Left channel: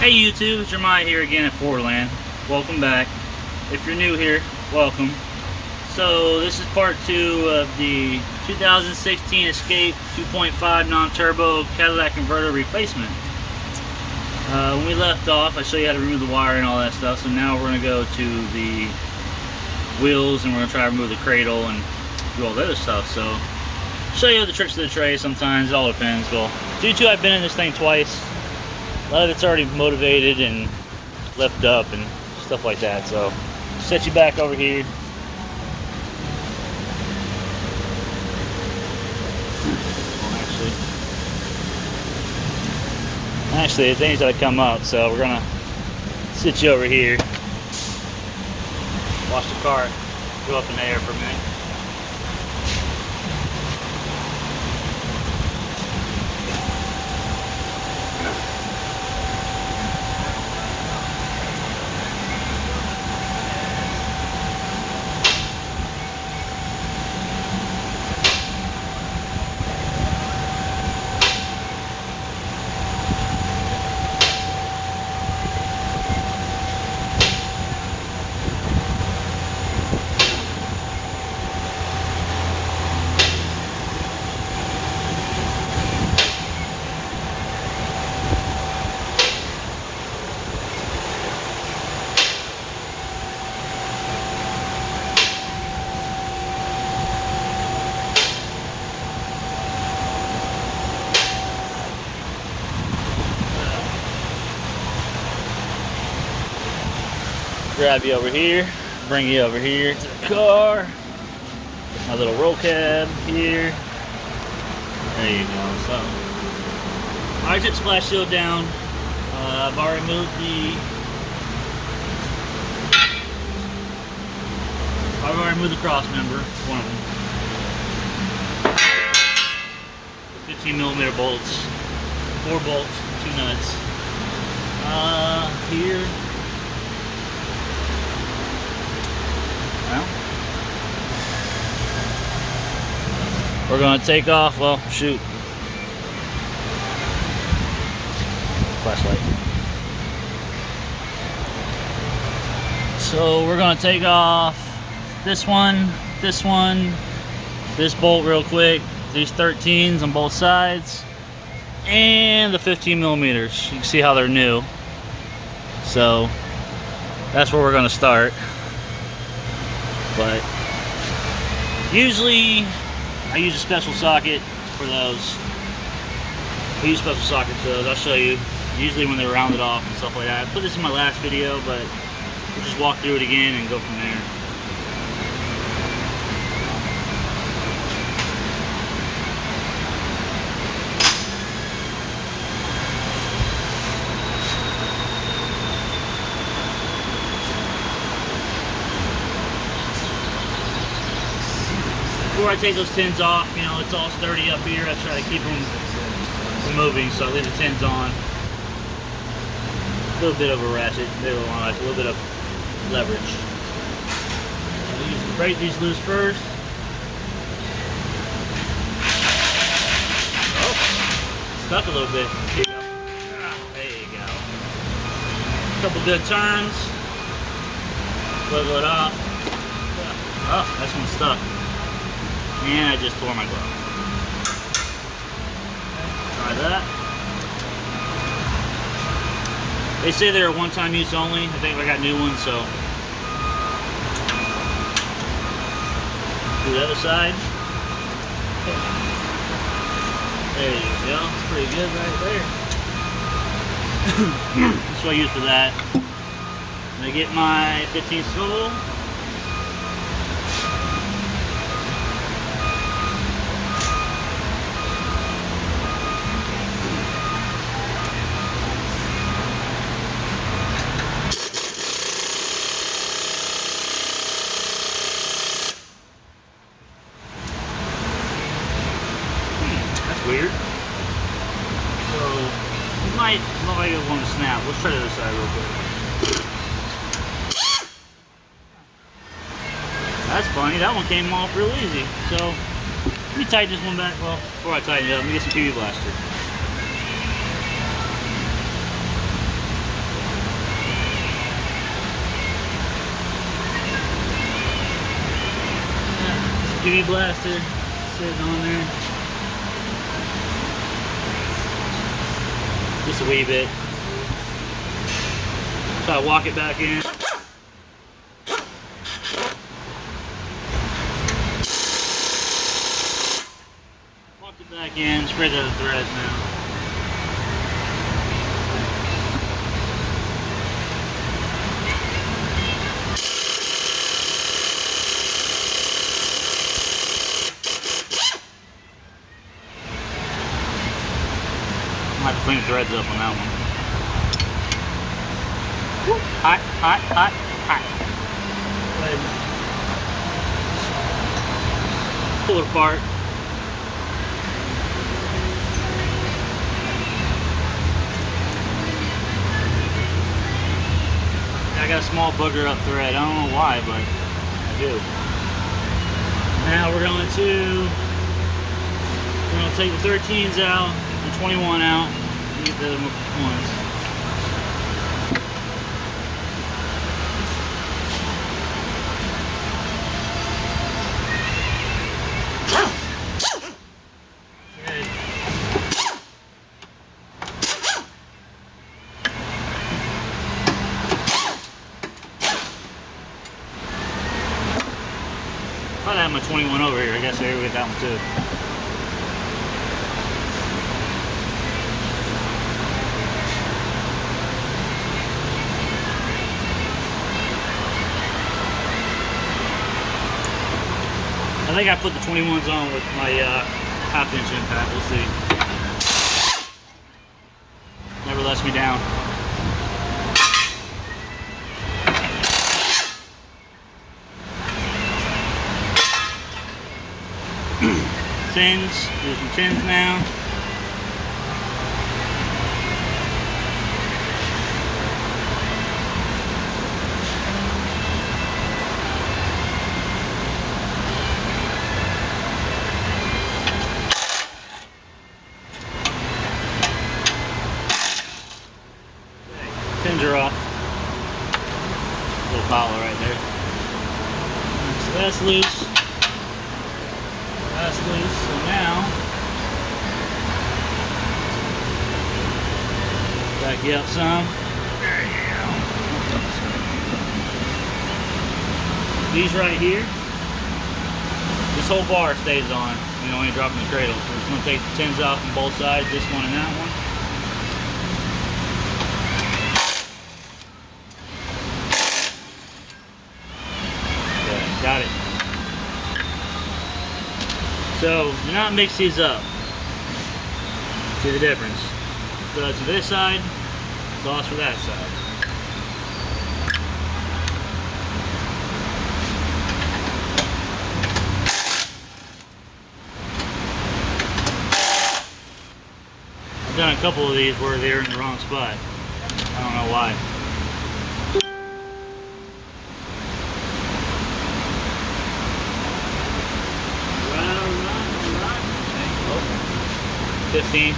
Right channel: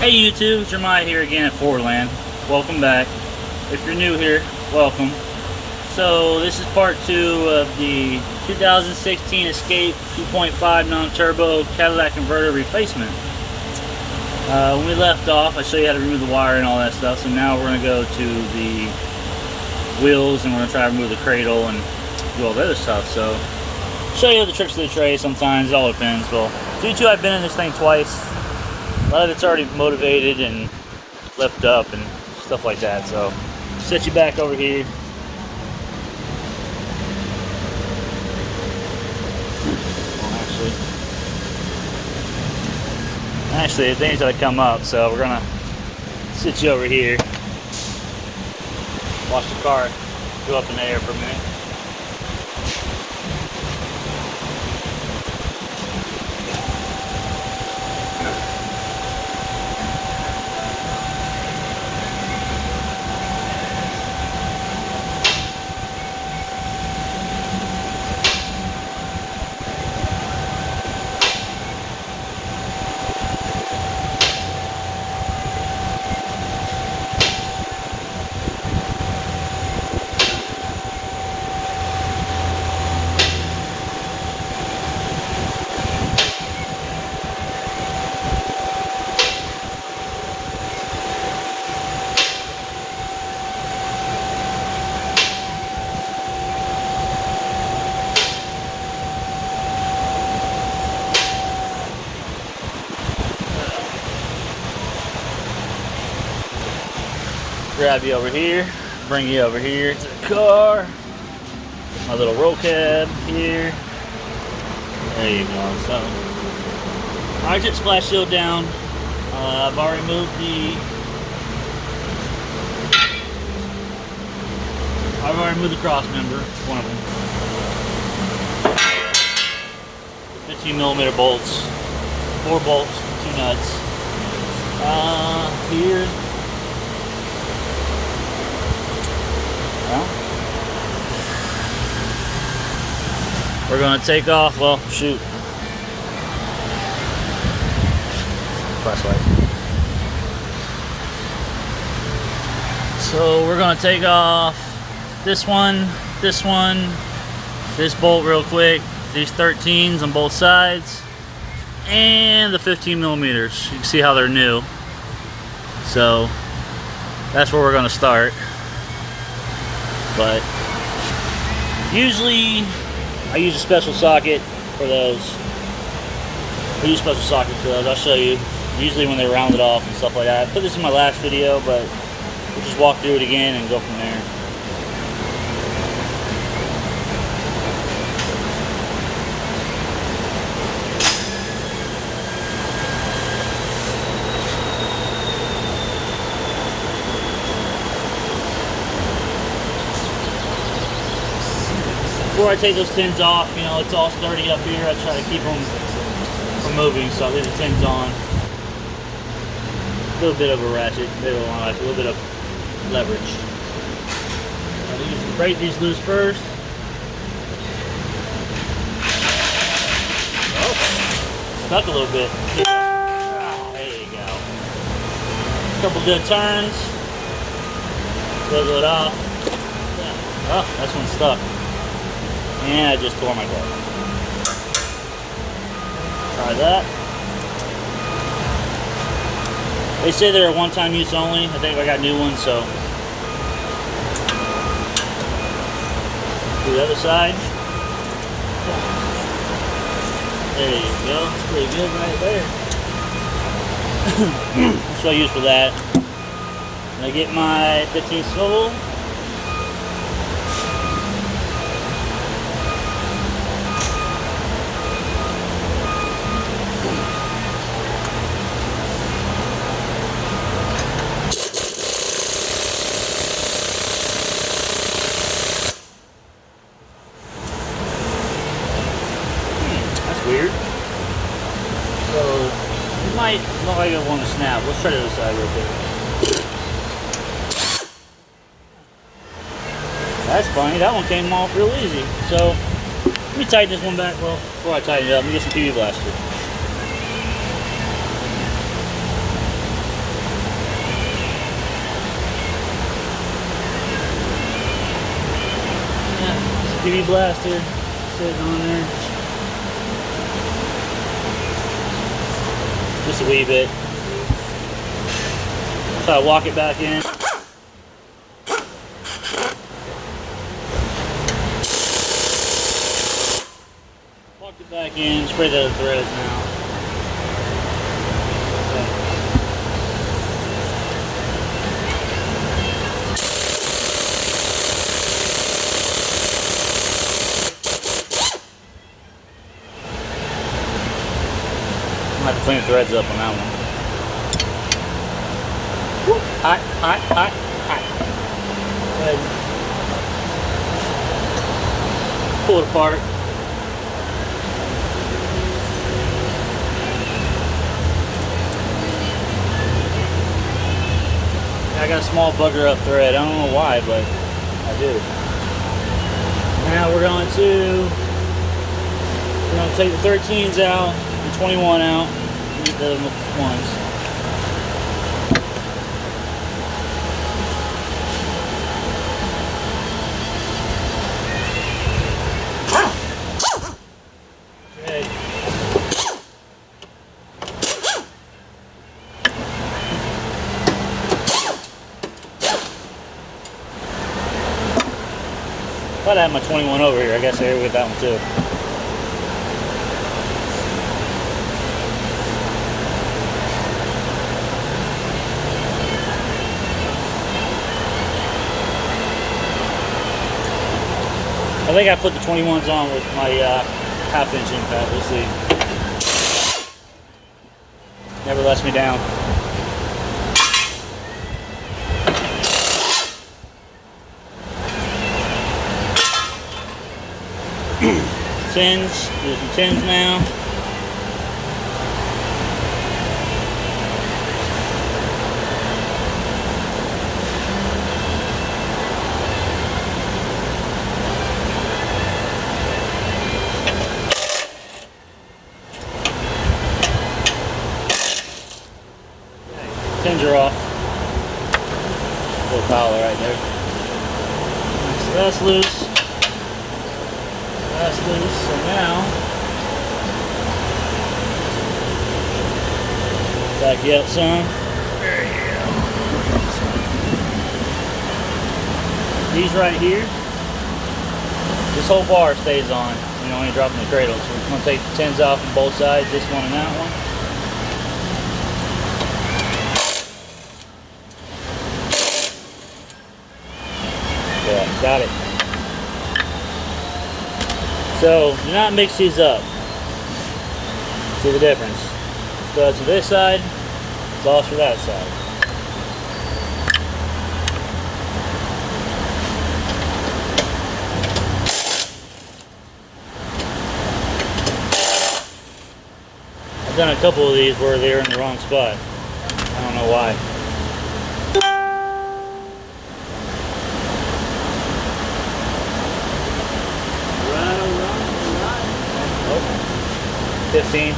Hey YouTube, Jeremiah here again at Fordland. Welcome back. If you're new here, welcome. So this is part 2 of the 2016 Escape 2.5 non-turbo Cadillac converter replacement. When we left off, I showed you how to remove the wire and all that stuff. So now we're going to go to the wheels and we're going to try to remove the cradle and do all the other stuff. So show you the tricks of the trade sometimes. It all depends. Well, due to I've been in this thing twice, a lot of it's already motivated and left up and stuff like that. So set you back over here. Actually, the things that come up, so we're gonna sit you over here. Watch the car go up in the air for a minute. Grab you over here, bring you over here to the car. My little roll cab here. There you go. So, I just splash shield down. I've already moved the cross member, one of them. 15mm bolts, 4 bolts, 2 nuts. Here. We're going to take off, well, shoot. Crossway. So we're going to take off this one, this bolt real quick, these 13s on both sides, and the 15mm. You can see how they're new. So that's where we're going to start. But usually I use a special socket for those. I'll show you. Usually when they're rounded off and stuff like that. I put this in my last video, but we'll just walk through it again and go from there. Before I take those tins off, you know, it's all sturdy up here. I try to keep them from moving, so I leave the tins on. A little bit of a ratchet, a little bit of leverage. Break these loose first. Oh, stuck a little bit. There you go. Couple good turns. Wiggle it off. Oh, that's one stuck. And I just tore my glove. Try that. They say they're a one-time use only. I think I got new ones, so. Do the other side. There you go. It's pretty good right there. That's what I use for that. And I get my 15 swivel. Weird. So you might look like it want to snap. Let's try the other side real quick. That's funny. That one came off real easy. So let me tighten this one back. Well, before I tighten it up, let me get some PB Blaster. UV blaster sitting on there. Just a wee bit. So I walk it back in. Walk it back in, spread out the threads now. I have to clean the threads up on that one. Hot, hot, hot, hot. Go ahead. Pull it apart. I got a small bugger up thread. I don't know why, but I do. Now we're going to take the 13s out, the 21 out, and get the ones. Good. If I'd have my 21 over here, I guess I would get that one too. I think I put the 21s on with my half-inch impact. We'll see. Never lets me down. Tins. Do some tins now. Tins are off. Little pile right there. So that's loose. That's loose. So now, back you up some. These right here, this whole bar stays on. You know, when you drop in the cradle. So we're going to take the tins off on both sides, this one and that one. Yeah, got it. So, do not mix these up. See the difference? Studs for this side, sauce for that side. I've done a couple of these where they're in the wrong spot. I don't know why. Oh, 15.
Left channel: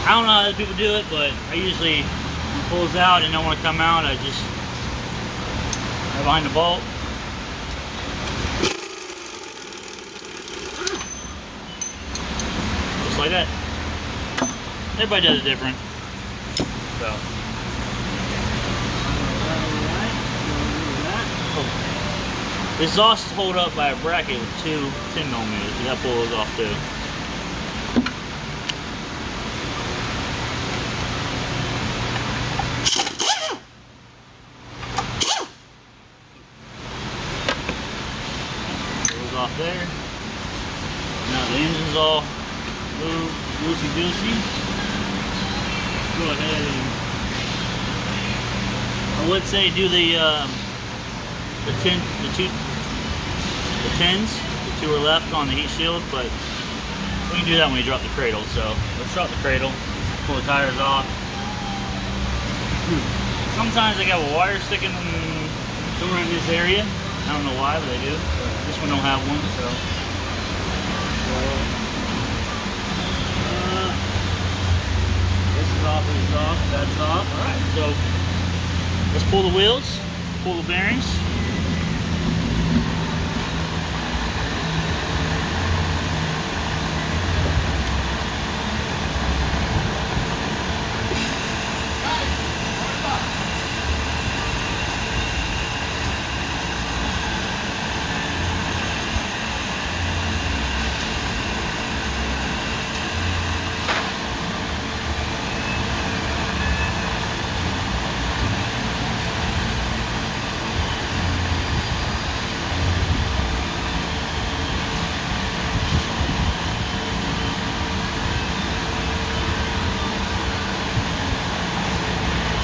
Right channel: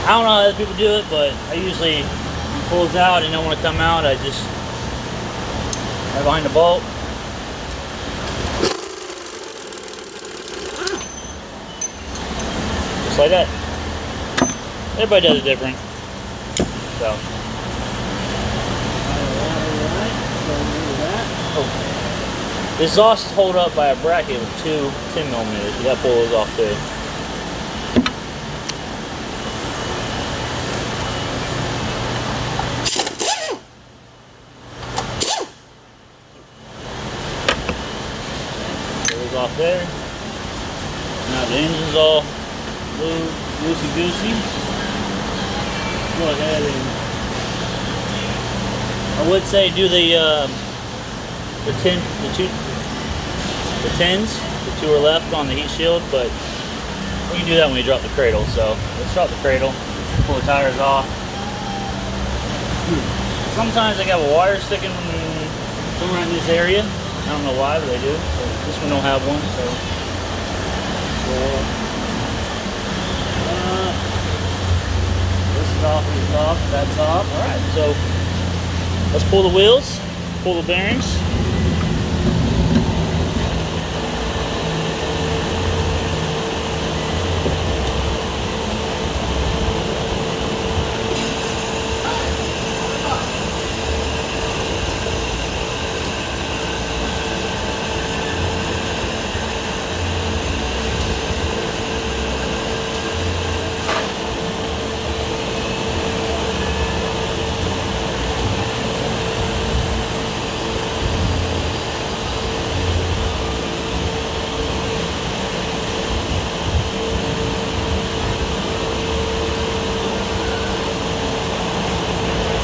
I don't know how other people do it, but I usually, when it pulls out and don't want to come out, I just right behind the bolt. Just like that. Everybody does it different. So. This exhaust is held up by a bracket with two 10mm. You got to pull those off there. Off there. Now the engine's all little loosey goosey. Go ahead and I would say do the tens, the two are left on the heat shield, but we can do that when we drop the cradle. So let's drop the cradle, pull the tires off. Sometimes I got a wire sticking somewhere in this area. I don't know why, but I do. But this one don't have one, so this is off, this is off, that's off. Alright, so let's pull the wheels, pull the bearings.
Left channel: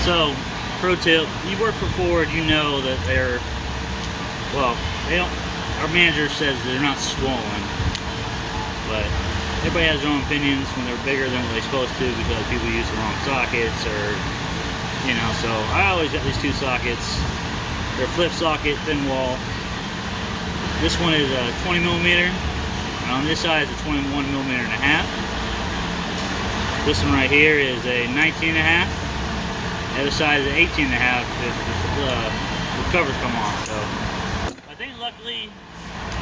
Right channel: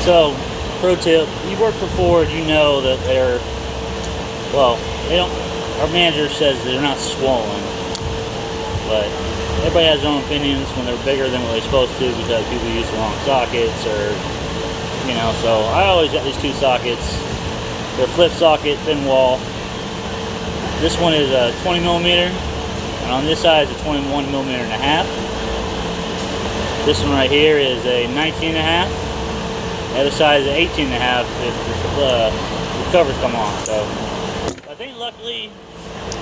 So, pro tip, you work for Ford, you know that they're, well, they don't, our manager says they're not swollen, but everybody has their own opinions when they're bigger than what they're supposed to because people use the wrong sockets or, you know, so I always got these two sockets. They're flip socket, thin wall. This one is a 20 millimeter, and on this side is a 21 millimeter and a half. This one right here is a 19 and a half. The other side is an 18 and a half if the covers come off. So I think luckily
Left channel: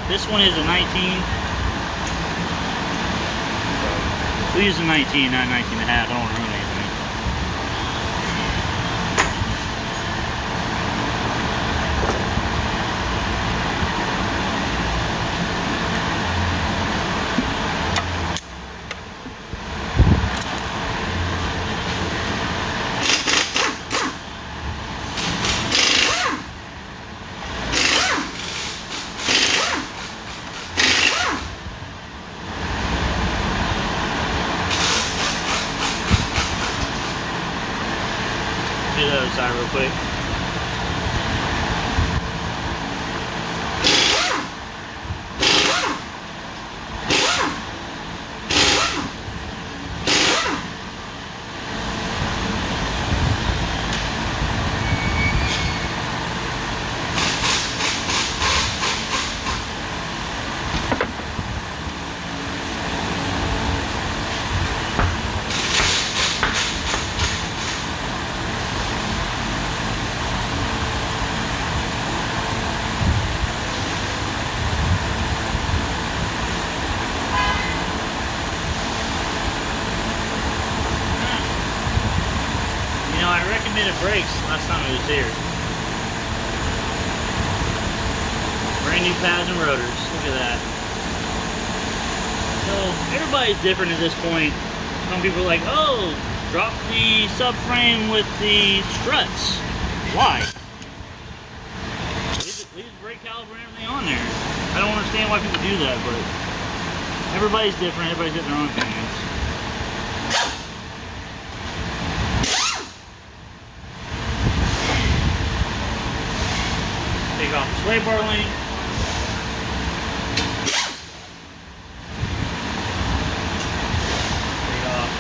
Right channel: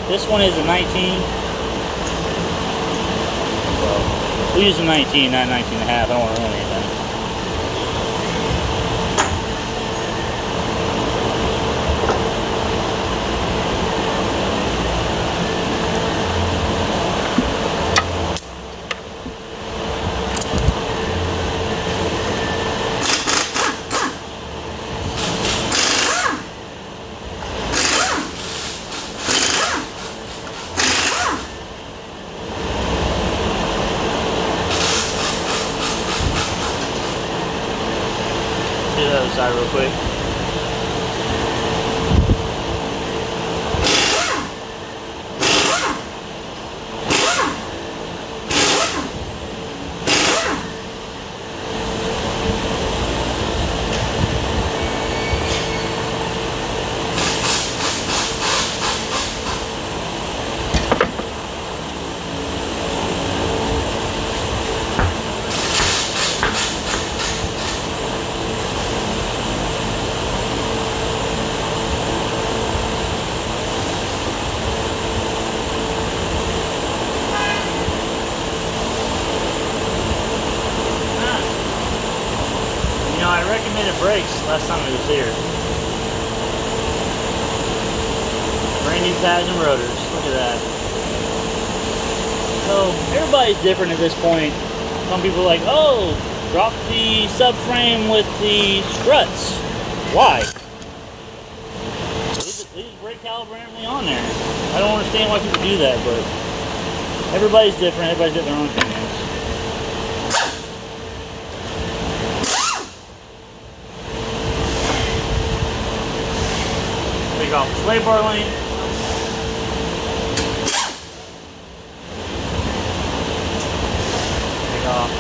this one is a 19. So we'll use a 19, not 19 and a half. I don't want to run anything. Do the other side real quick. You know, I recommended brakes last time I was here. Brand new pads and rotors. Look at that. So everybody's different at this point. Some people are like, oh, drop the subframe with the struts. Why? Leave the brake caliper and everything on there. I don't understand why people do that, but everybody's different. Everybody's got their own opinions. Take off the sway bar link. Take off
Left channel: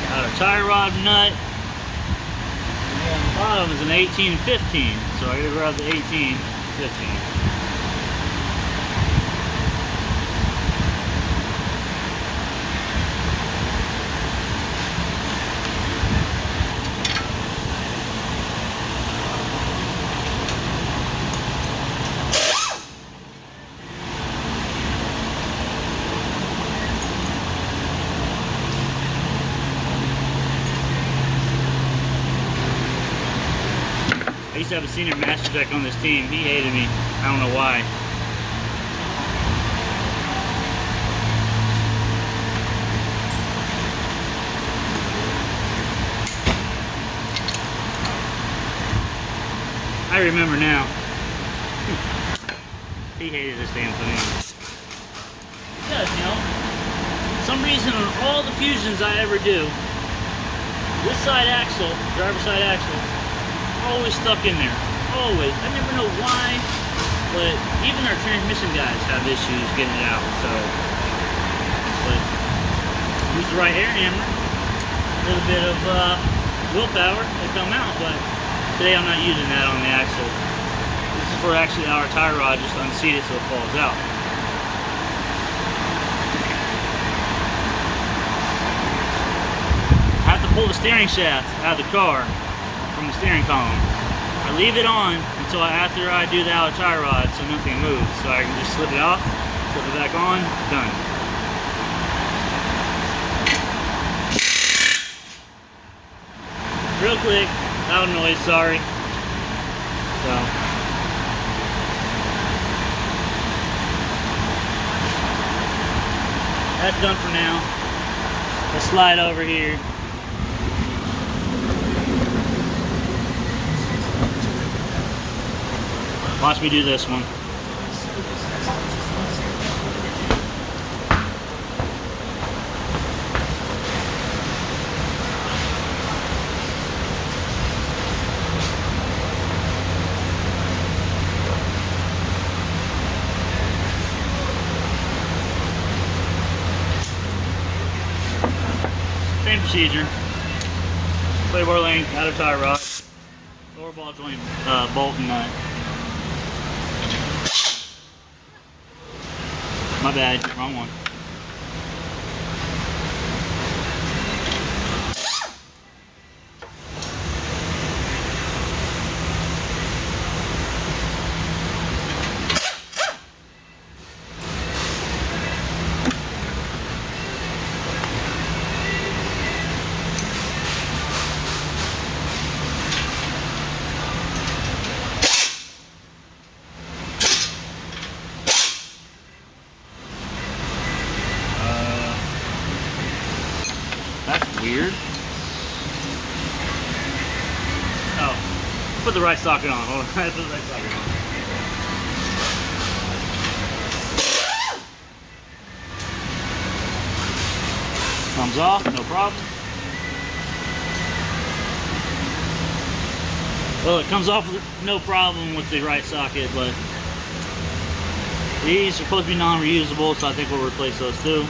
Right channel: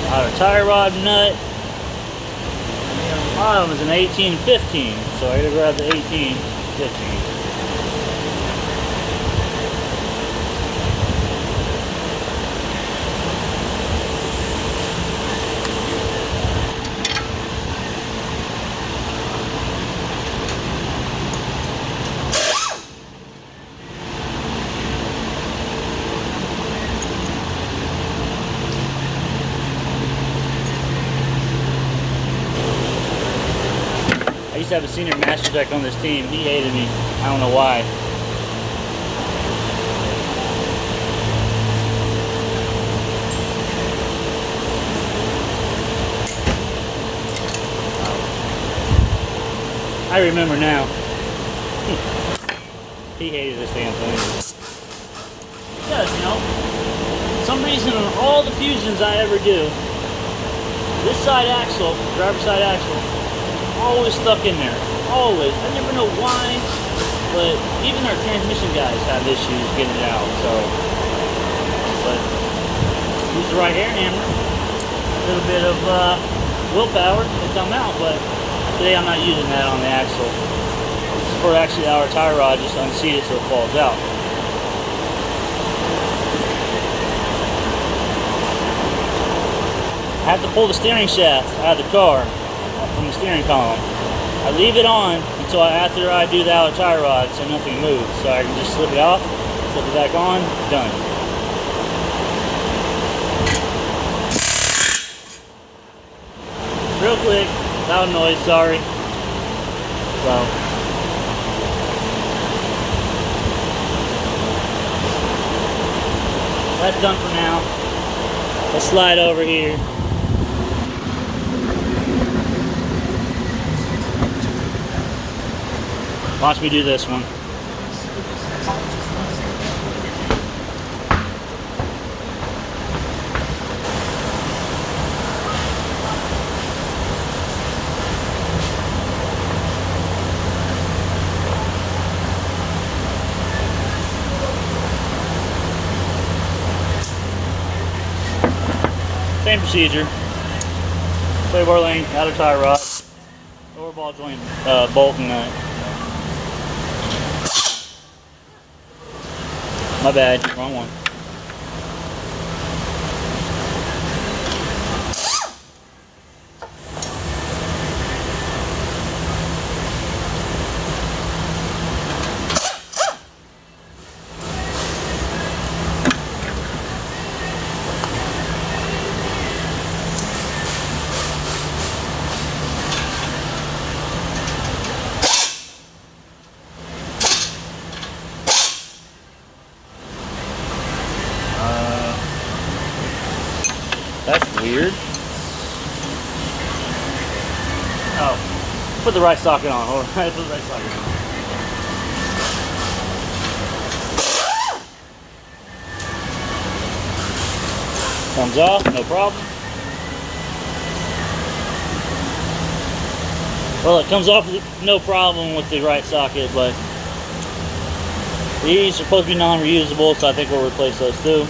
the outer tie rod nut. And the bottom is an 18 and 15, so I gotta grab the 18, 15. I used to have a senior master tech on this team. He hated me. I don't know why. I remember now. He hated this damn thing. It does, you know. some reason on all the Fusions I ever do, this side axle, driver's side axle, always stuck in there. Always. I never know why, but even our transmission guys have issues getting it out. So, but use the right air handle, a little bit of willpower to come out. But today I'm not using that on the axle. This is for actually our tie rod, just unseat it so it falls out. I have to pull the steering shaft out of the car from the steering column. I leave it on until after I do the outer tie rod so nothing moves. So I can just slip it off, slip it back on, done. Real quick, loud noise, sorry. So. That's done for now. Let's slide over here. Watch me do this one. Same procedure. Clear bar lane, outer tie rod, lower ball joint, bolt and nut. My bad, wrong one. That's weird. Oh, put the right socket on. Hold on. Put the right socket on. Comes off, no problem. Well, it comes off with no problem with the right socket, but these are supposed to be non-reusable, so I think we'll replace those too.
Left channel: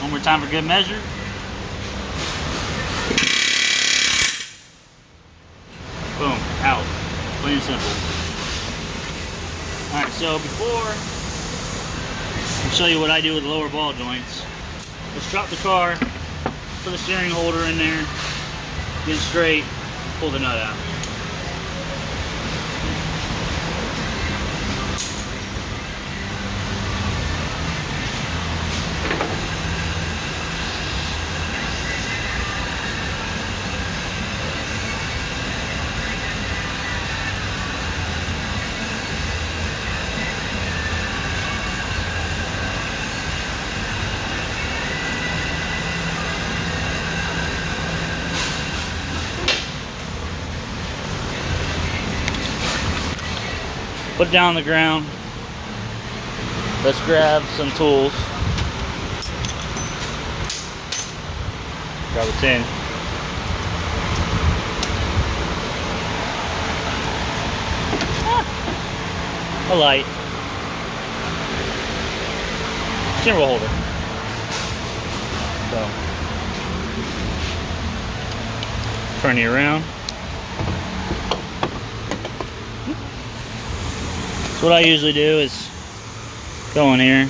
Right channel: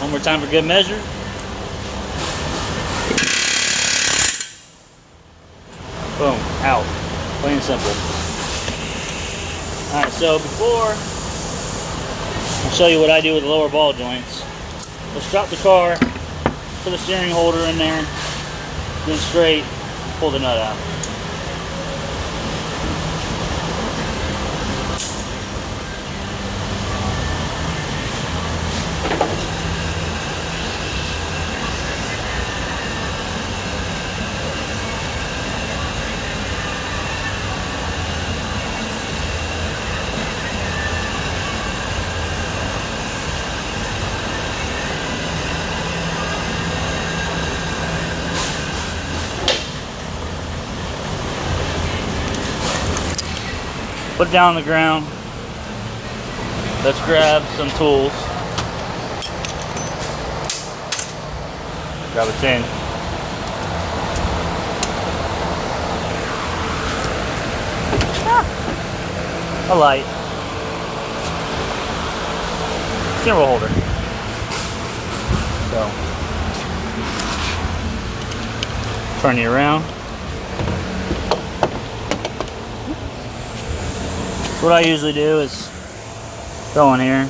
One more time for good measure. Boom, out. Plain and simple. Alright, so before I'll show you what I do with the lower ball joints. Let's drop the car, put the steering holder in there, get it straight, pull the nut out. Put down on the ground. Let's grab some tools. Grab a tin. A light. Steering wheel holder. So, turn you around. So what I usually do is go in here,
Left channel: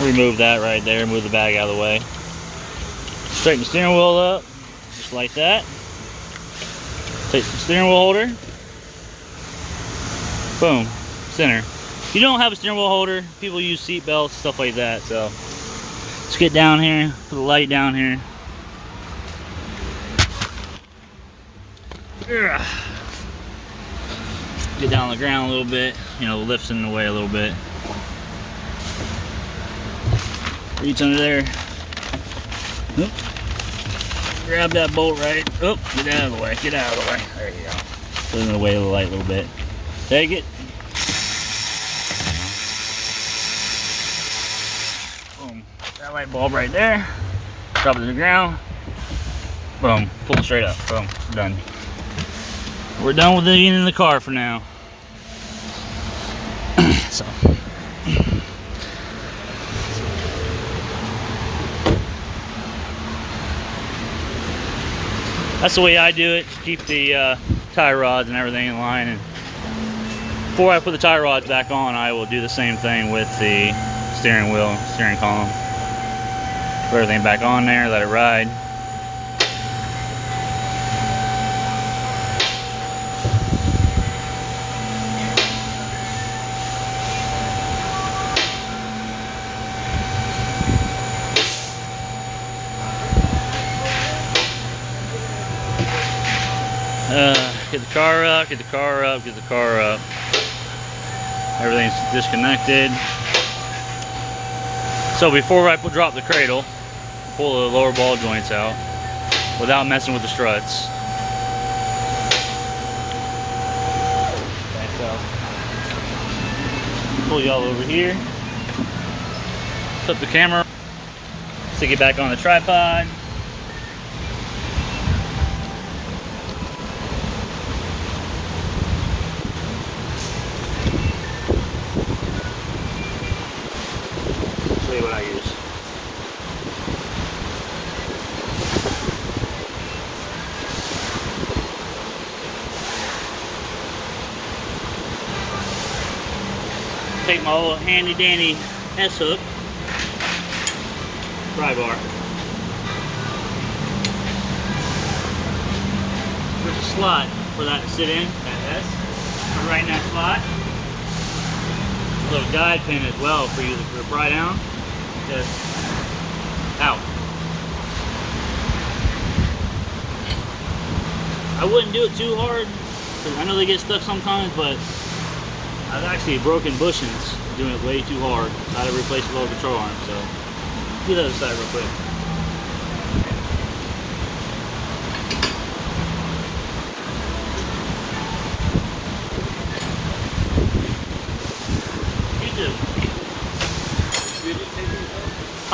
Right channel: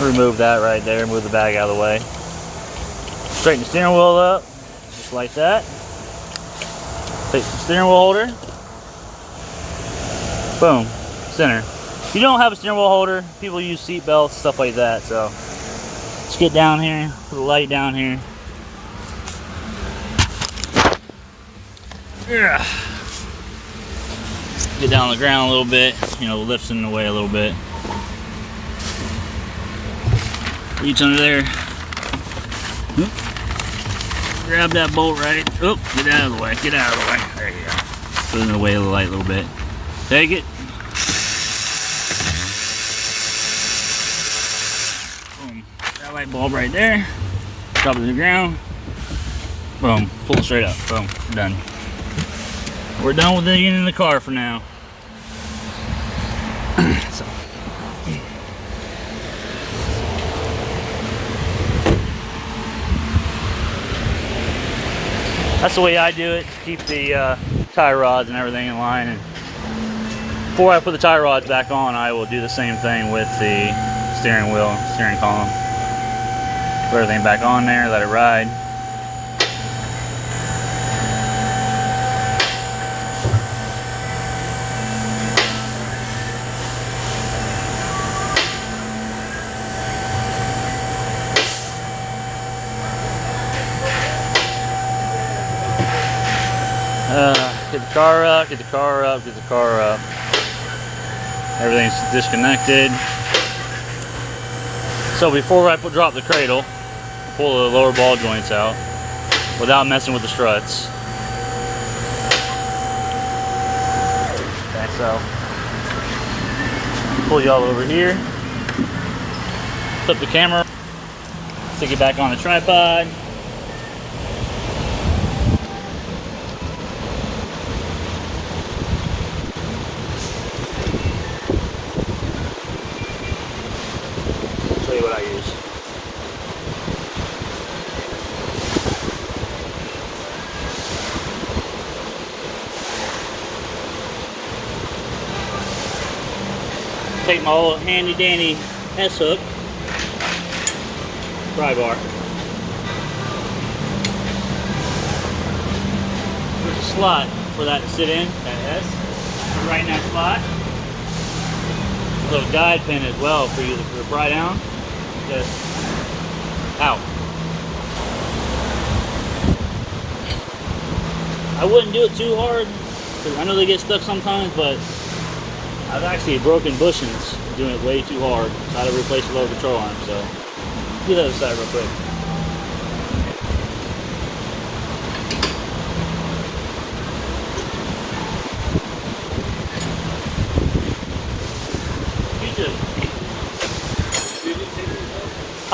remove that right there, move the bag out of the way. Straighten the steering wheel up, just like that. Take the steering wheel holder, boom, center. If you don't have a steering wheel holder, people use seat belts, stuff like that. So let's get down here, put the light down here. Get down on the ground a little bit, you know, lifts in the way a little bit. Reach under there. grab that bolt right. Oh, get out of the way. Get out of the way. There you go. Put it in the way of the light a little bit. Take it. Boom. That light bulb right there. Drop it to the ground. Boom. Pull it straight up. Boom. Done. We're done with it in the car for now. So. That's the way I do it, to keep the tie rods and everything in line. And before I put the tie rods back on, I will do the same thing with the steering wheel and steering column. Put everything back on there, let it ride. Get the car up, get the car up, get the car up. Everything's disconnected. So before I drop the cradle, pull the lower ball joints out without messing with the struts. Okay, so pull y'all over here, flip the camera, stick it back on the tripod. What I use. Take my little handy dandy S-hook pry bar. There's a slot for that to sit in, that S. Right in that slot. A little guide pin as well for you to pry down. Just out. I wouldn't do it too hard because I know they get stuck sometimes, but I've actually broken bushings doing it way too hard. So I had to replace the lower control arm. So do the other side real quick.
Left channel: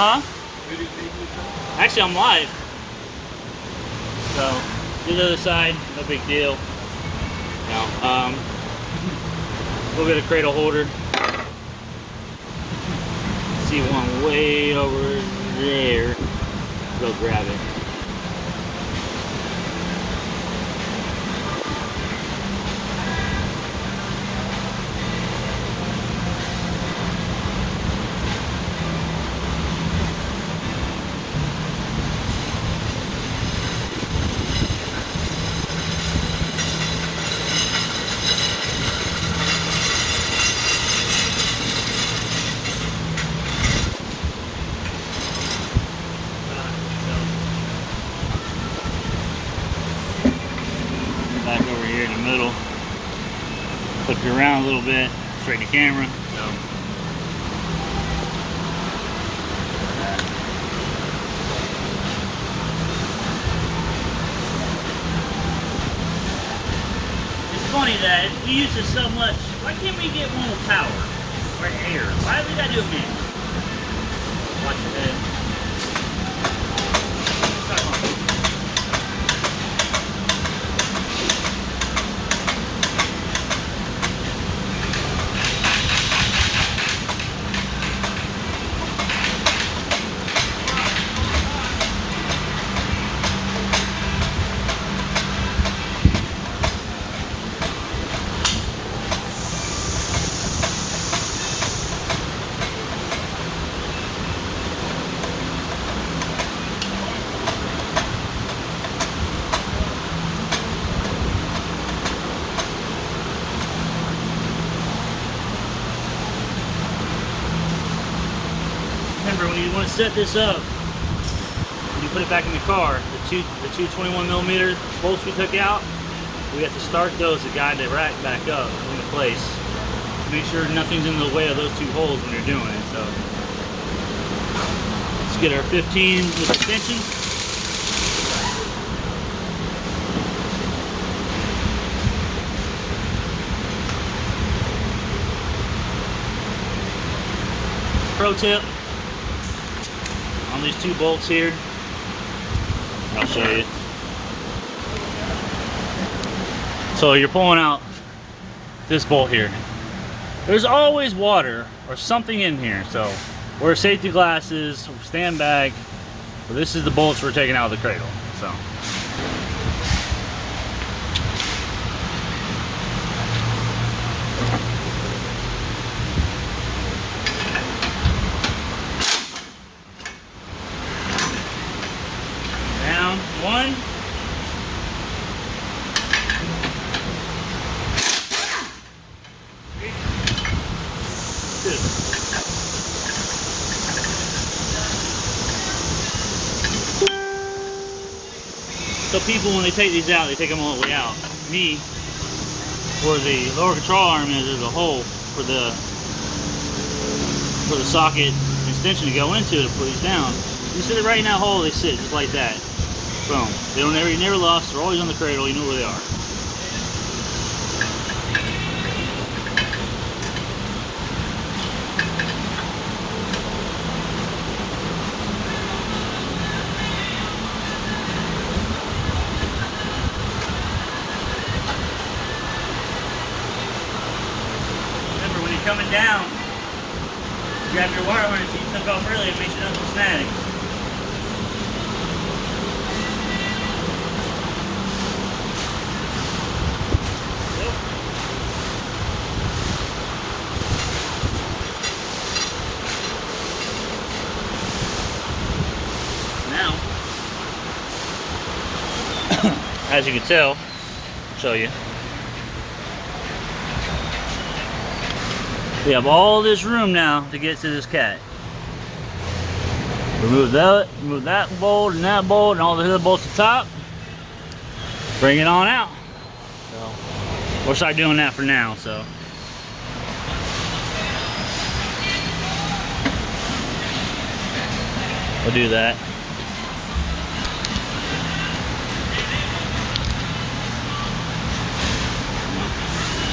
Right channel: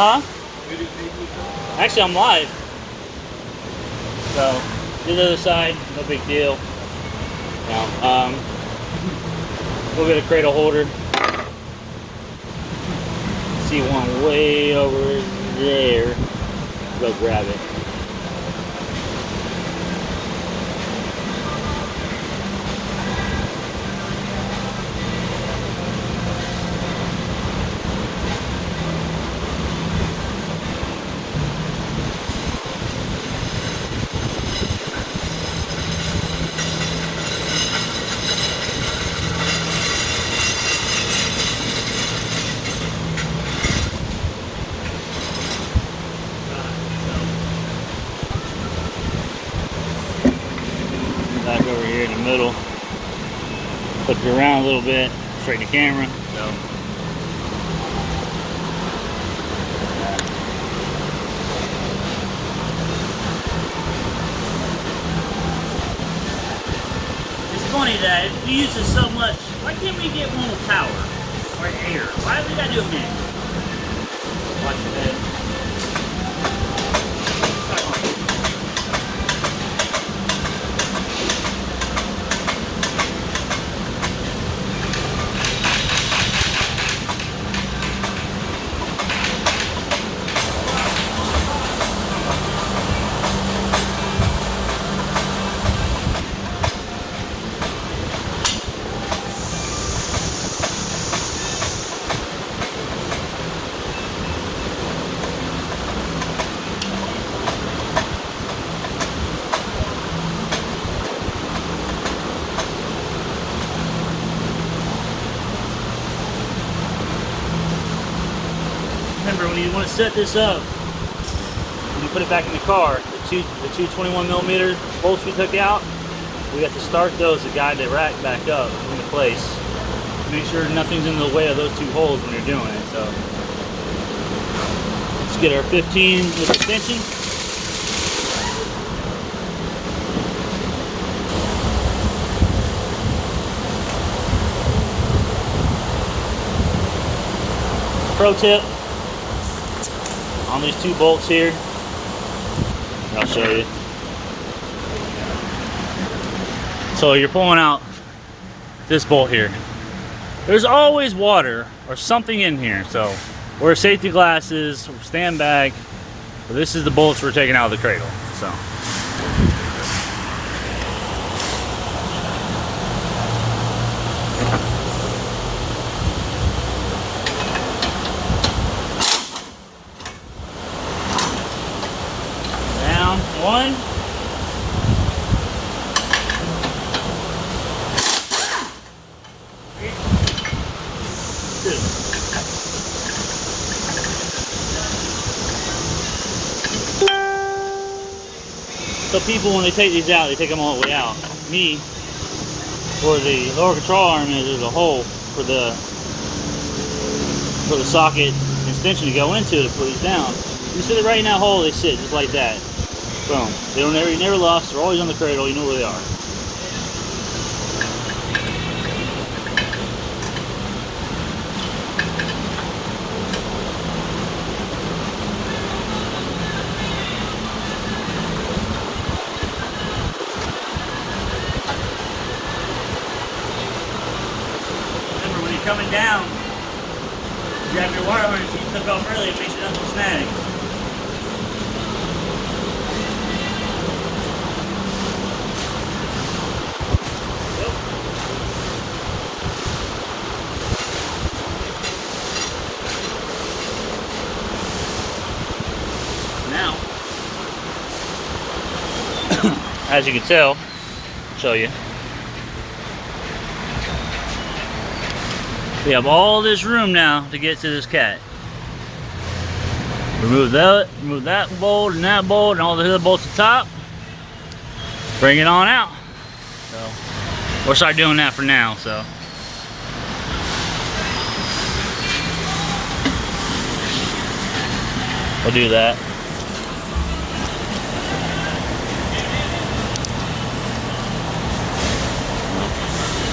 Huh? Actually, I'm live. So, do the other side, no big deal. We'll get a cradle holder. See one way over there. Go grab it. Middle, flip it around a little bit, straighten the camera. So it's funny that we use this so much. Why can't we get one with power or air? Why do we gotta do it manual? Watch your head. Remember, when you want to set this up, when you put it back in the car, the two 21mm bolts we took out, we have to start those to guide the rack back up into place. Make sure nothing's in the way of those two holes when you're doing it. So let's get our 15 with the pinching. Pro tip on these 2 bolts here. I'll show you. So you're pulling out this bolt here. There's always water or something in here. So wear safety glasses, stand back. But this is the bolts we're taking out of the cradle. So. Down 1. So people, when they take these out, they take them all the way out. Me, for the lower control arm, there's a hole for the socket extension to go into to put these down. You sit it right in that hole, they sit just like that. Boom. You're never lost. They're always on the cradle. You know where they are. Coming down, grab your wire harness you took off earlier, make sure nothing snags. Yep. Now, as you can tell, I'll show you. We have all this room now to get to this cat. Remove that bolt and that bolt and all the other bolts at the top. Bring it on out. So we'll start doing that for now. So we'll do that.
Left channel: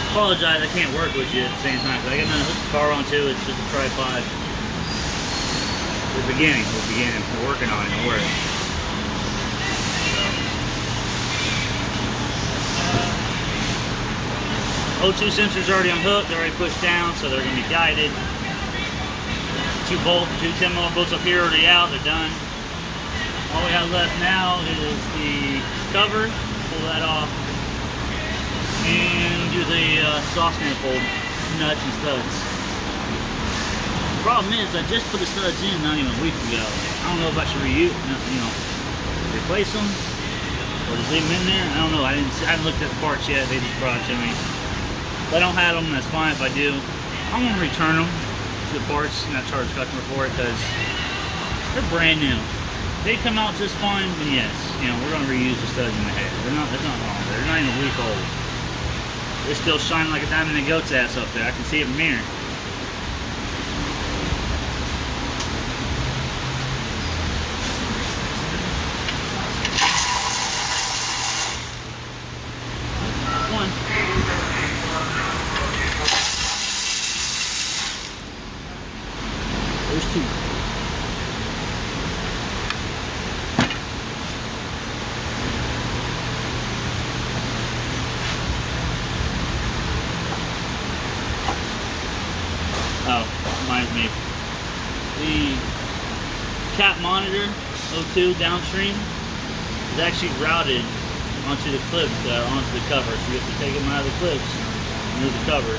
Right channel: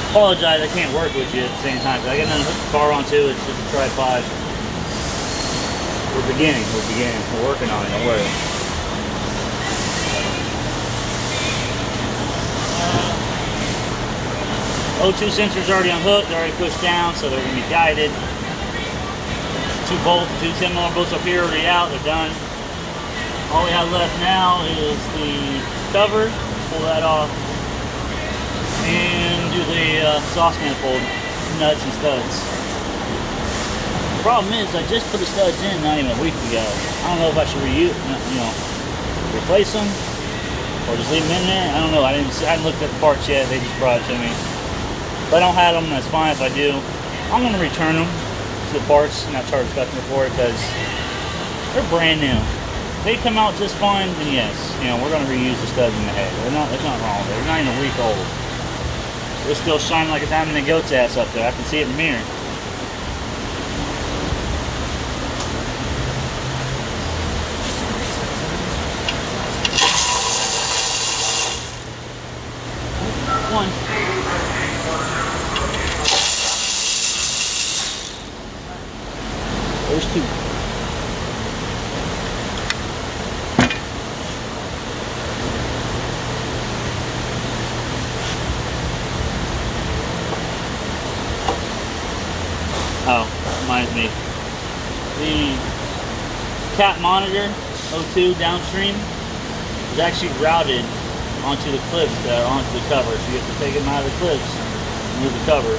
Apologize, I can't work with you at the same time because I got nothing to hook the car onto. It's just a tripod. We're beginning. We're working on it. Don't worry. O2 sensors already unhooked. They're already pushed down, so they're going to be guided. 2 10mm bolts up here already out. They're done. All we have left now is the cover. Pull that off. And do the exhaust manifold nuts and studs. The problem is I just put the studs in not even a week ago. I don't know if I should replace them or just leave them in there. I don't know. I haven't looked at the parts yet. They just brought it to me. If I don't have them, that's fine. If I do, I'm going to return them to the parts and not charge the customer for it because they're brand new. If they come out just fine, then yes, we're going to reuse the studs in the head. There's nothing wrong with it. They're not even a week old. They're still shining like a diamond in a goat's ass up there. I can see it from here. One. There's 2. Oh, reminds me. The cat monitor, O2 downstream, is actually routed onto the clips that are onto the cover. So you have to take them out of the clips, remove the cover.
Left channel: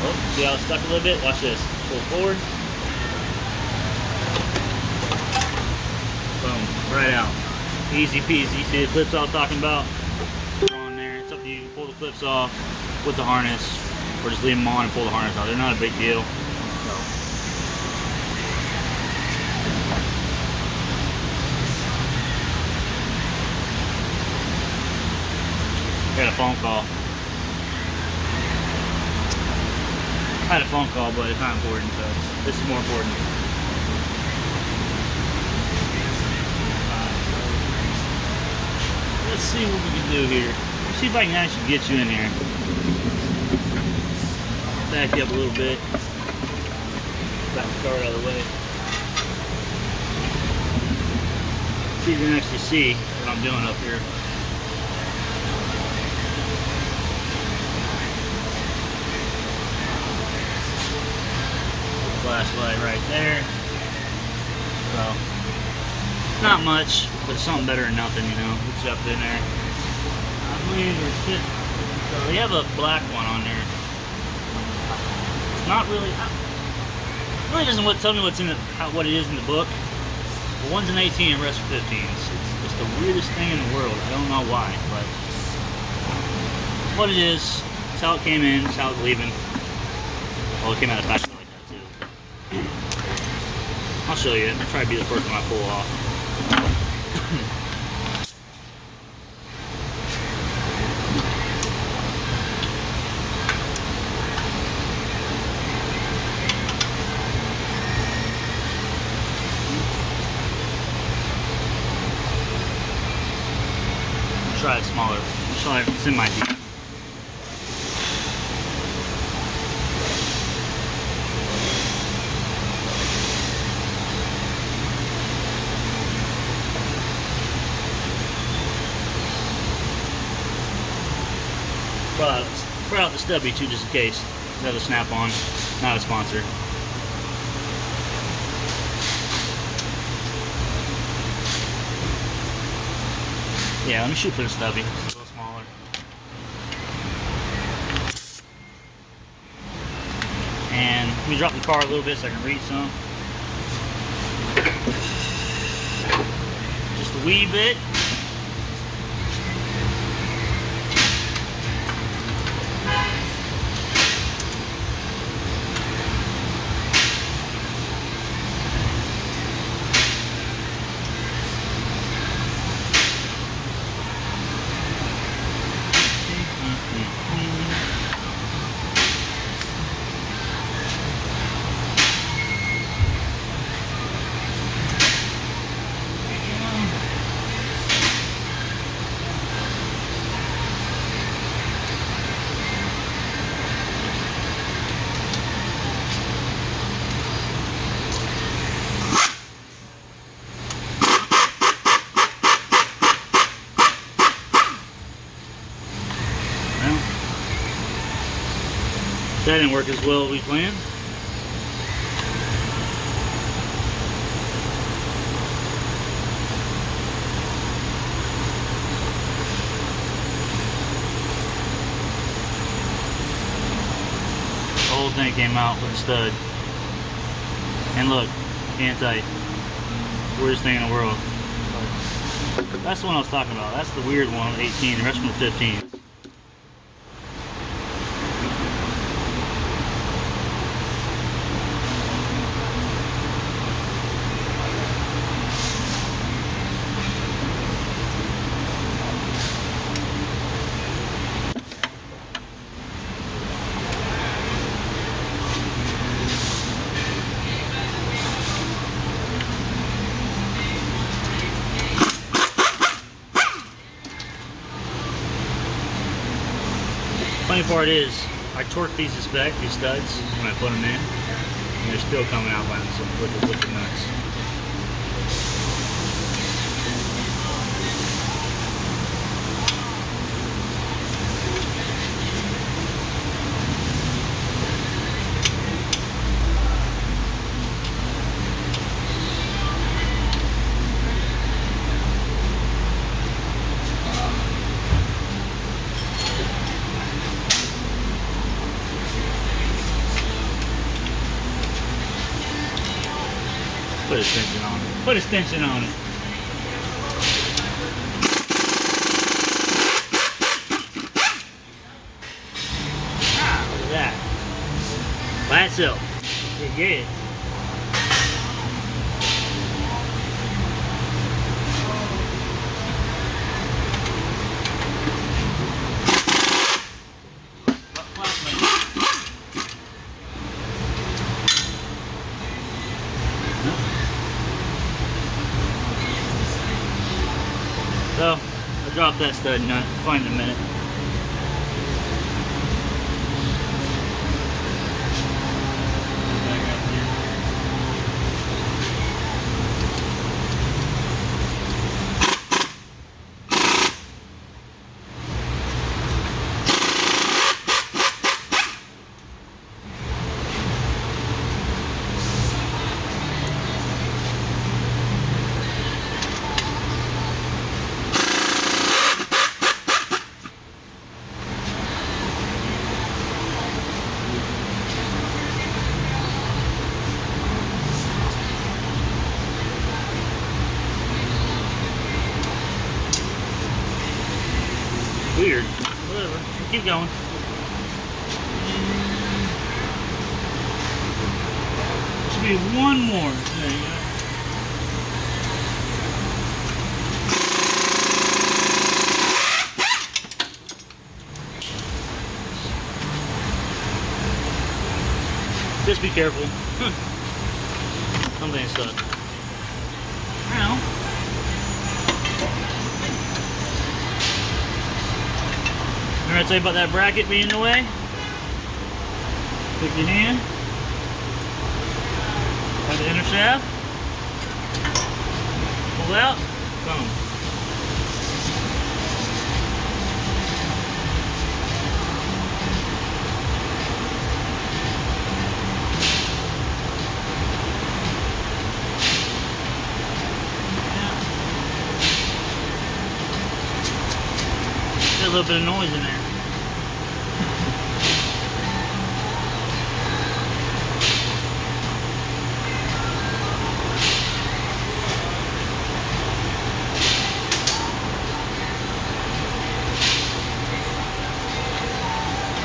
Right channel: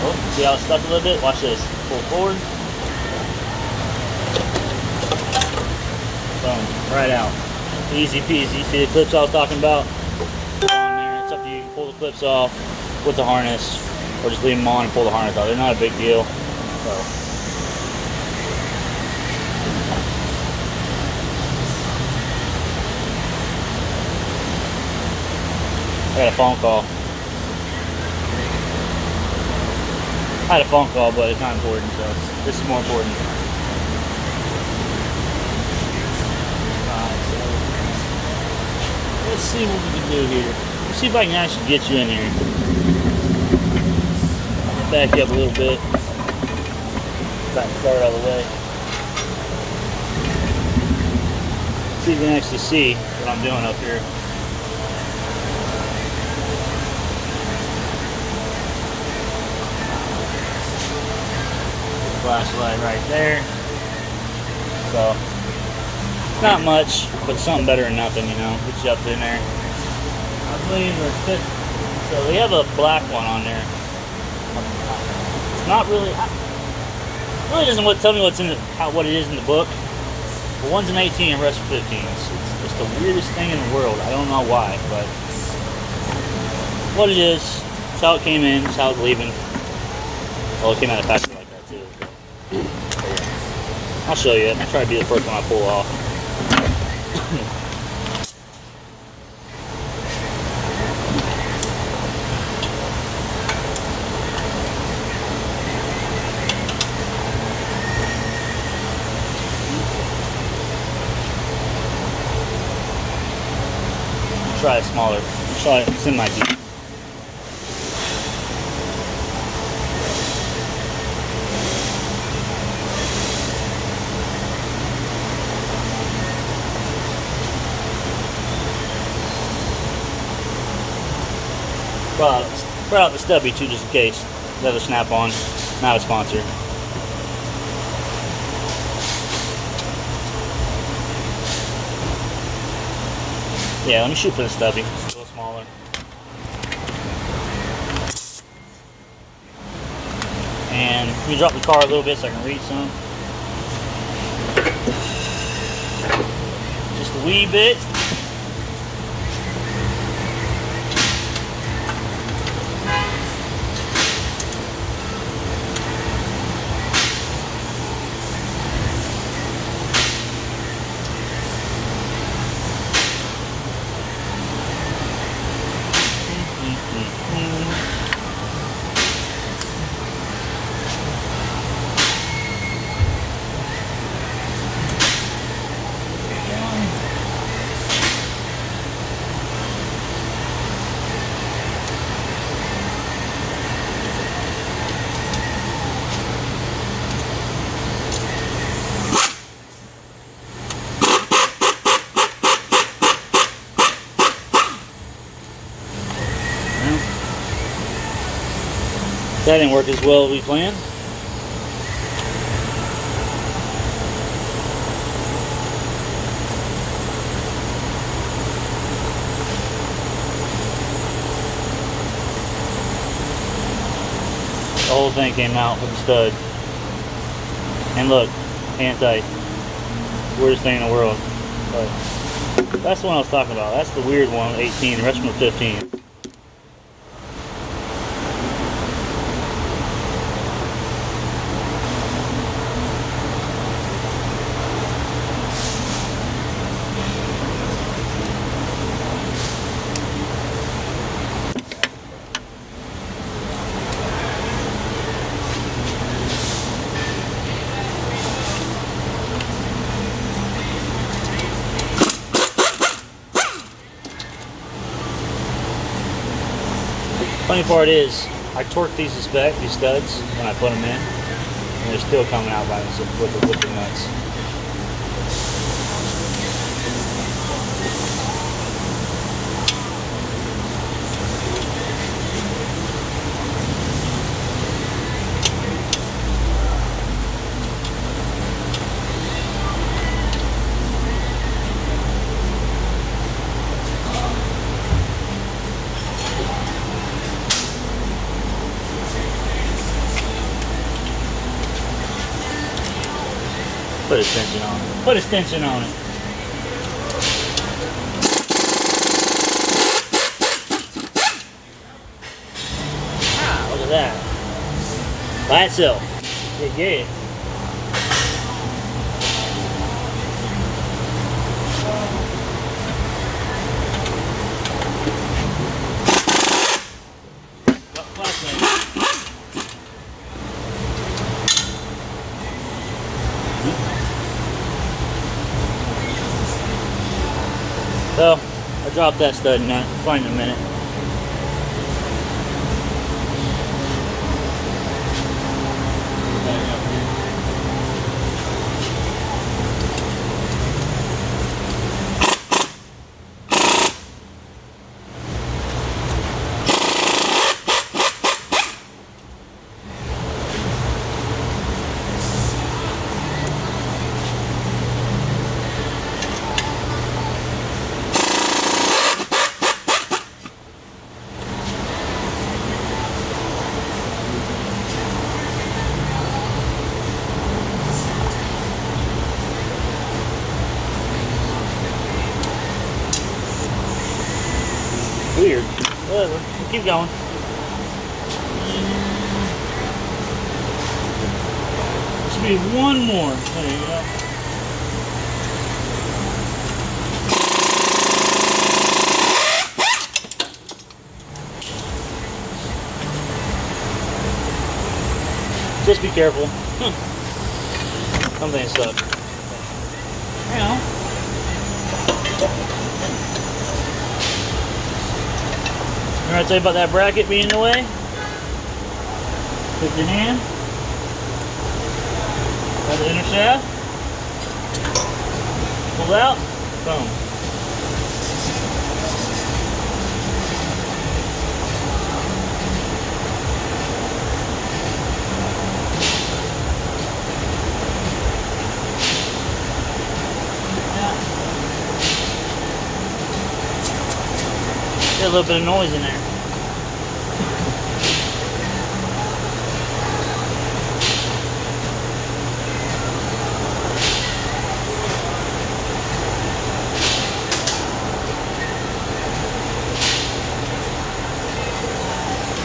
Oh, see how it's stuck a little bit? Watch this. Pull forward. Boom, right out. Easy peasy. See the clips I was talking about? It's up to you. You can pull the clips off with the harness or just leave them on and pull the harness out. They're not a big deal. So. I got a phone call. I had a phone call, but it's not important, so this is more important. Alright, so let's see what we can do here. see if I can actually get you in here. Back you up a little bit. About to start all the way. See if you can actually see what I'm doing up here. Flashlight right there. So, not much, but something better than nothing, you know. Get you up in there. So they have a black one on there. It's not really. It really doesn't tell me what's in what it is in the book. But one's an 18 and the rest are 15. It's the weirdest thing in the world. I don't know why, but what it is. It's how it came in. It's how it's leaving. Oh, it came out of package like that too. I'll show you. I'll try to be the first one I pull off. Try it smaller. Try it semi-deep. Brought out the stubby too, just in case. Another Snap-on, not a sponsor. Yeah, let me shoot for the stubby. It's a little smaller. And let me drop the car a little bit so I can read some. Just a wee bit. That didn't work as well as we planned. The whole thing came out with a stud. And look, hand tight. Weirdest thing in the world. So, that's what I was talking about. That's the weird one, 18, the rest of them 15. Funny part is, I torqued these to spec, these studs, when I put them in, and they're still coming out by themselves with the nuts. Put a tension on it. Put a tension on it. Look at that. By itself. Look great. So, I dropped that stud nut. Find it in a minute. keep going. Should be one more. There you go. Just be careful. One thing stuck. Now, remember I tell you about that bracket being in the way? Take your hand. Grab the inner shaft. Pull out. Boom. There's a little bit of noise in there.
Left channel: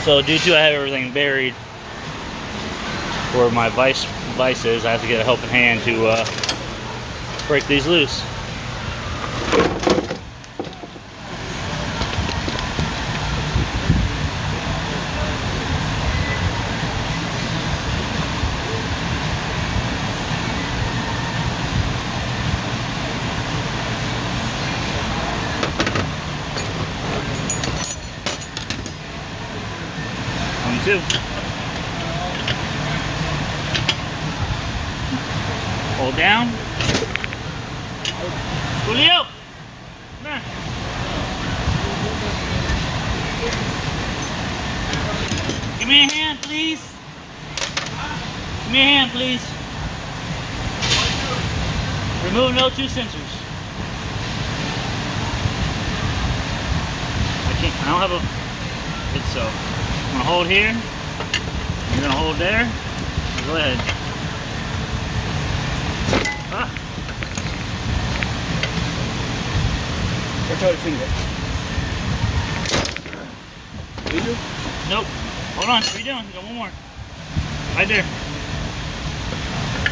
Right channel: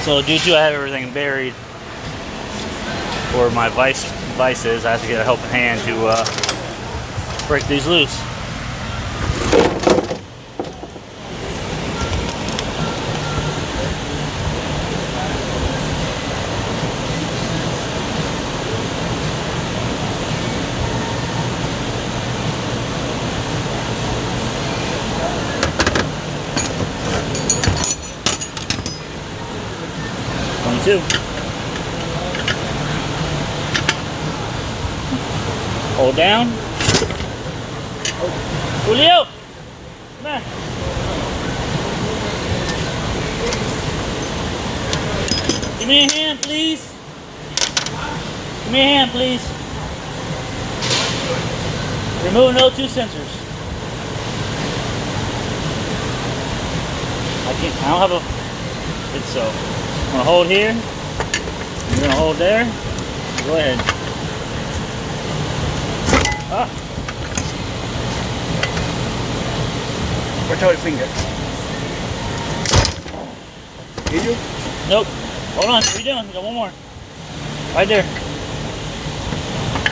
So due to I have everything buried where my vice is, I have to get a helping hand to break these loose. Too. Hold down. Julio! Come here. Give me a hand, please. Give me a hand, please. Remove O2 sensors. I don't have a... It's so... I'm gonna hold here. You're gonna hold there. Go ahead. Ah. Where's your finger? Did you? Nope. Hold on. What are you doing? We got one more. Right there.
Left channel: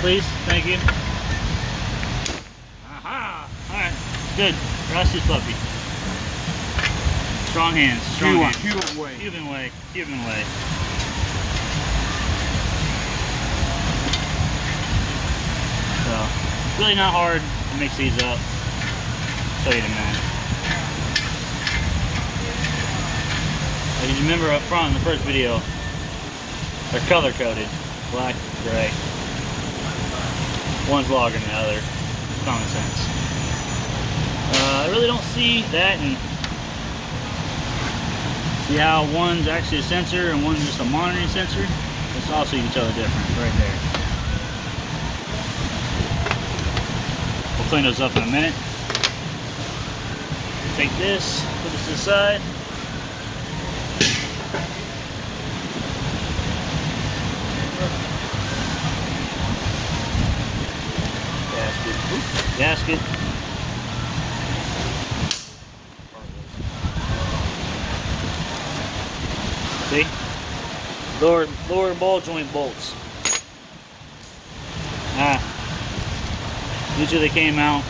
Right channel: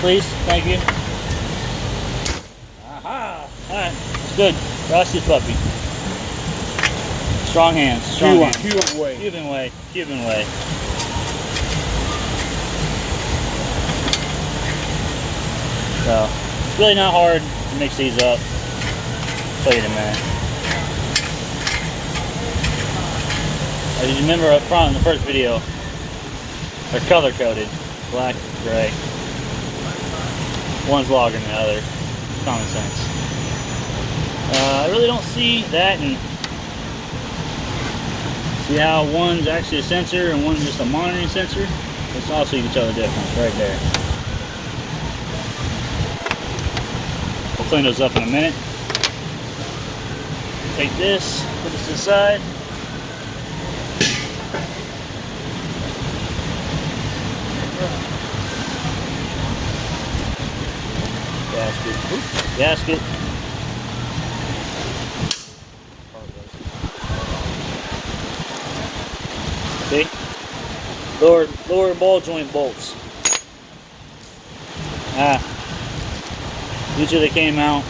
Please. Thank you. Aha. All right. It's good. Trust this puppy. Strong hands. Strong hands. Cuban way. Cuban way. Cuban way. So, it's really not hard to mix these up. I'll show you in a minute. As you remember up front in the first video, they're color coded. Black, gray. One's longer than the other. Common sense. I really don't see that and see how one's actually a sensor and one's just a monitoring sensor? That's also, you can tell the difference right there. We'll clean those up in a minute. Take this, put this aside. Gasket. Oops. Gasket. See? Lower ball joint bolts. Usually they came out.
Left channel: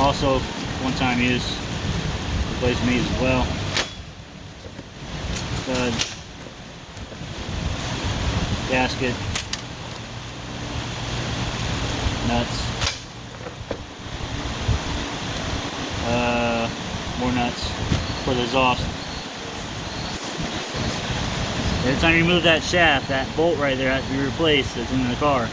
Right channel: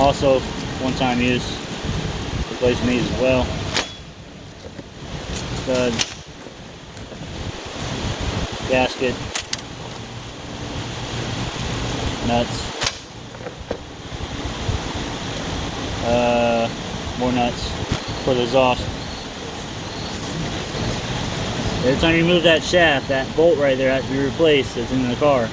Also, one-time use. Replacing these as well. Stud. Gasket. Nuts. More nuts. For the exhaust. Every time you move that shaft, that bolt right there has to be replaced that's in the car.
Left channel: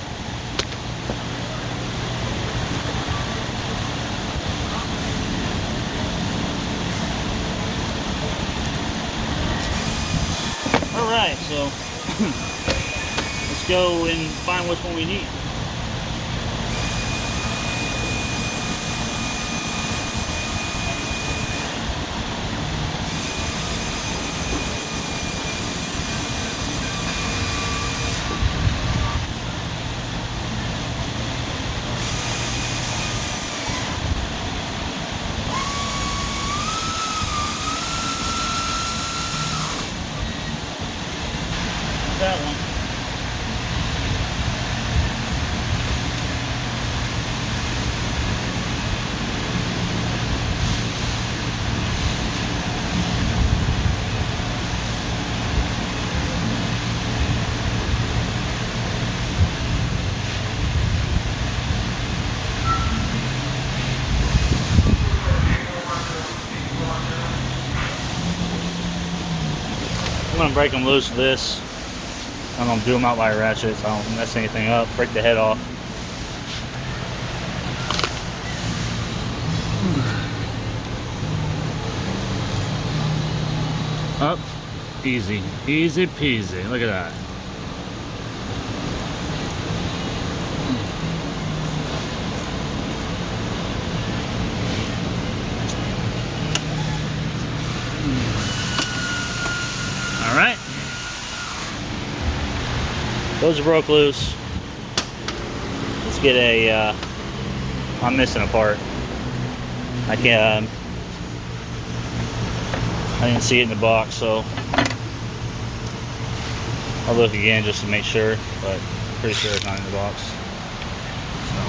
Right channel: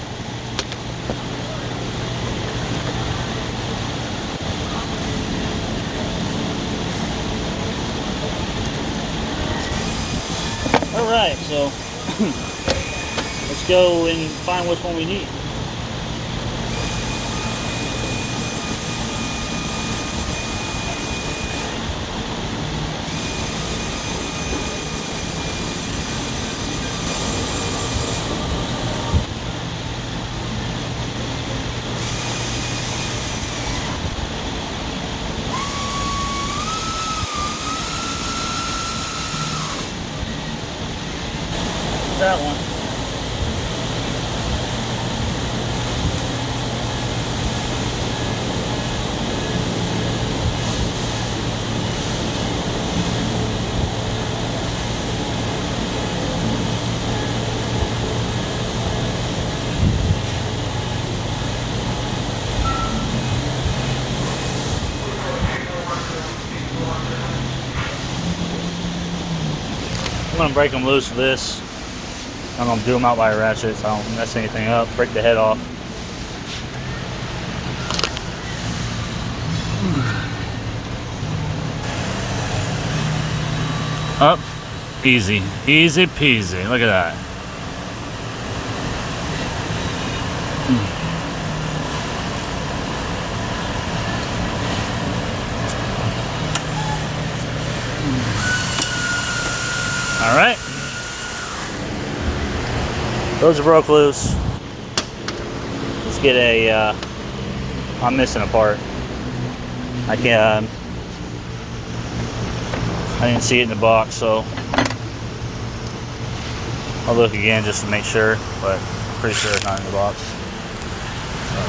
Alright, so let's go and find which one we need. that one. I'm gonna break them loose with this. I'm gonna do them out by a ratchet so I don't mess anything up, break the head off. Up, easy, easy peasy. Look at that. All right, those are broke loose. Let's get a, I'm missing a part. I didn't see it in the box, so I'll look again just to make sure, but I'm pretty sure it's not in the box. So.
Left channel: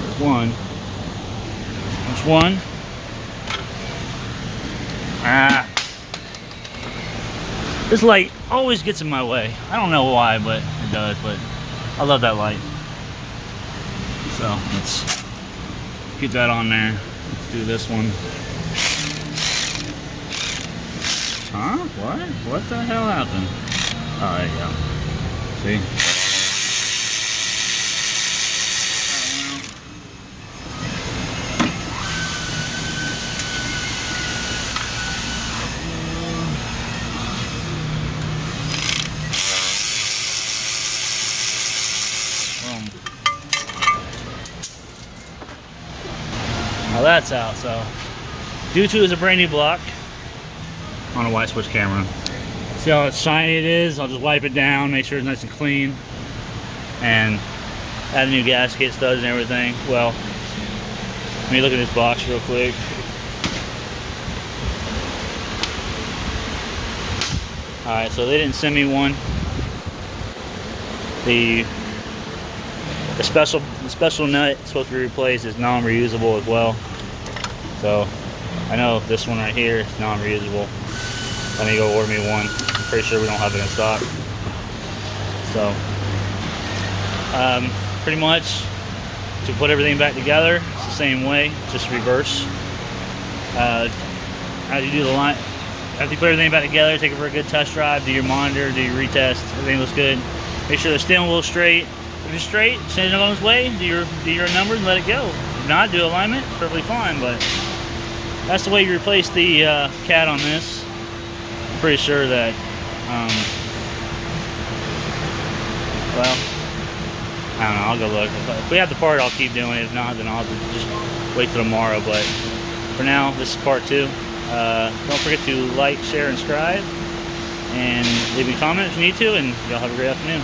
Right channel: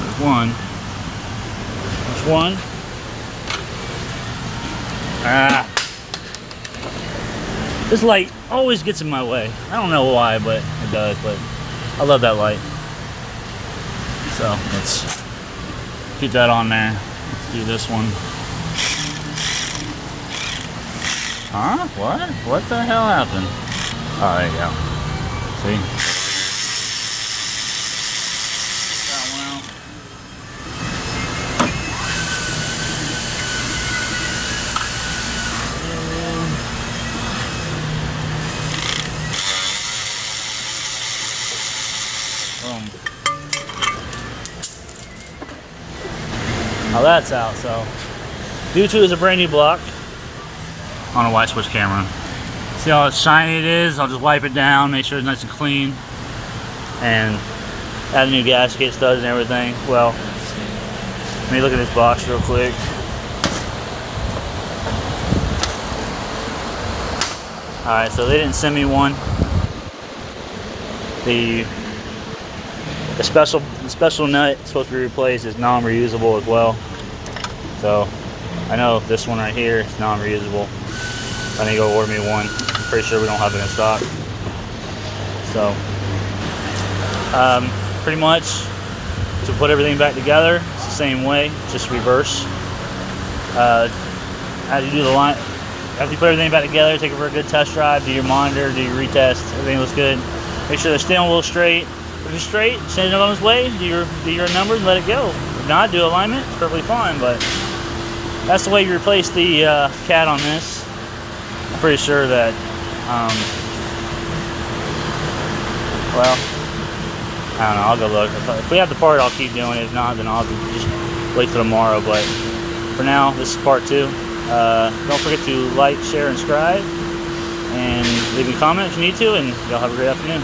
There's one. There's one. Ah. This light always gets in my way. I don't know why, but it does, but I love that light. So let's keep that on there. Let's do this one. Huh? What? What the hell happened? Oh, there you go. See? Now that's out, so due to it's a brand new block on a white switch camera. See how shiny it is? I'll just wipe it down, make sure it's nice and clean, and add a new gasket, studs and everything. Well, let me look at this box real quick. Alright, so they didn't send me one. The special nut supposed to be replaced is non-reusable as well. So I know this one right here is non-reusable. I need to go order me one. I'm pretty sure we don't have it in stock. So pretty much to put everything back together, it's the same way, just reverse. As you do the line, after you put everything back together, take it for a good test drive, do your monitor, do your retest, everything looks good. Make sure the steering wheel's straight. If it's straight, send it on its way, do your numbers and let it go. If not, do alignment, it's perfectly fine, but that's the way you replace the cat on this. I'm pretty sure that, well, I don't know, I'll go look. If we have the part, I'll keep doing it. If not, then I'll just wait till tomorrow, but for now, this is part 2. Don't forget to like, share, and subscribe, and leave me a comment if you need to, and y'all have a great afternoon.